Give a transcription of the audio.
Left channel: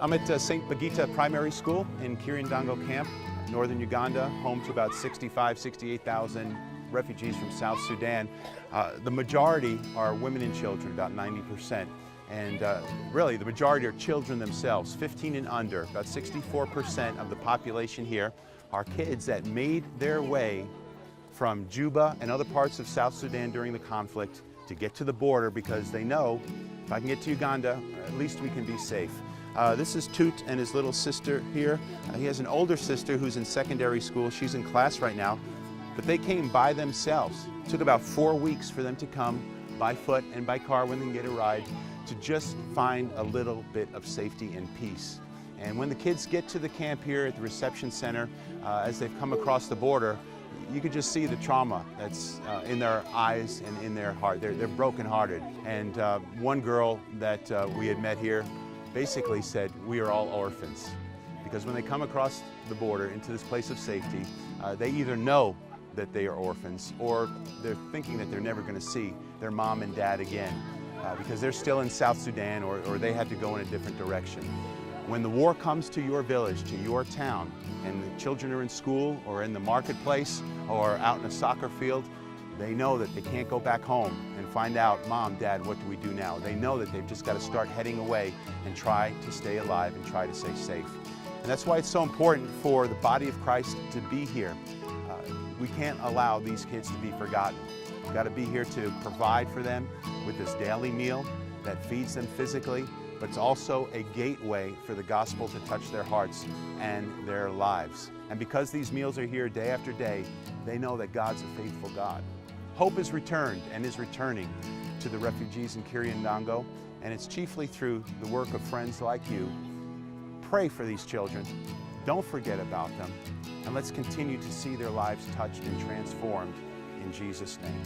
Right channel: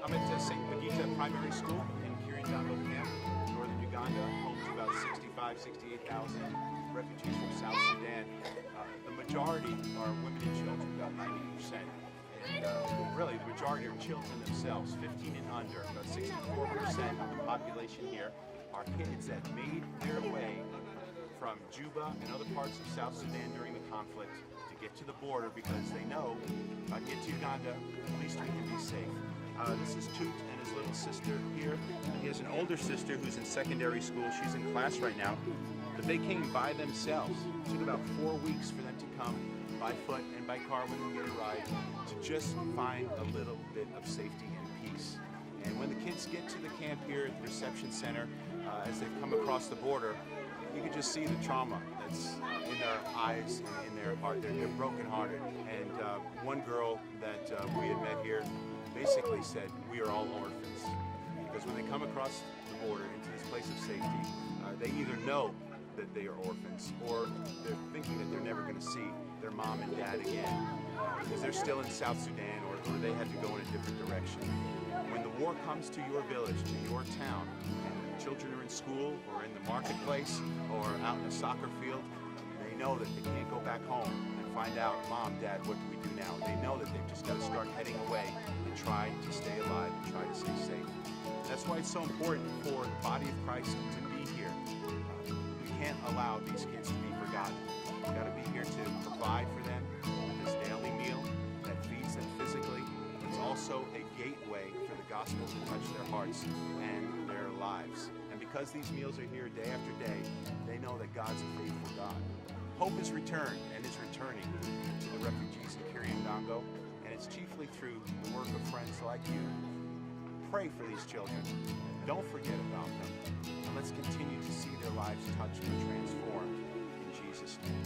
I'm at St. Bagita Primary School in Kirindango Camp, northern Uganda, home to about 68,000 refugees from South Sudan. The majority are women and children, about 90%. And really, the majority are children themselves, 15 and under. About 64% of the population here are kids that made their way from Juba and other parts of South Sudan during the conflict to get to the border because they know, if I can get to Uganda, at least we can be safe. This is Tute and his little sister here. He has an older sister who's in secondary school. She's in class right now. But they came by themselves. It took about 4 weeks for them to come by foot and by car when they get a ride to just find a little bit of safety and peace. And when the kids get to the camp here at the reception center, as they've come across the border, you could just see the trauma that's in their eyes and in their heart. They're brokenhearted. And one girl that we had met here basically said, we are all orphans. Because when they come across the border into this place of safety, they either know that they are orphans or they're thinking that they're never going to see their mom and dad again because they're still in South Sudan or they had to go in a different direction. When the war comes to your village, to your town, and the children are in school or in the marketplace or out in a soccer field, they know that they can't go back home and find out, Mom, Dad, what do we do now? They know that they've just got to start heading away and try to stay alive and try to stay safe. And that's why it's so important for the body of Christ to be here. We can't allow these kids to be forgotten. We've got to be here to provide for them with this daily meal that feeds them physically, but it's also a gateway for the gospel to touch their hearts and their lives. And because these meals are here day after day, they know that God's a faithful God. Hope is returned and is returning to the refugees in Kirindango, and it's chiefly through the work of friends like you. Pray for these children. Don't forget about them. And let's continue to see their lives touched and transformed in Jesus' name.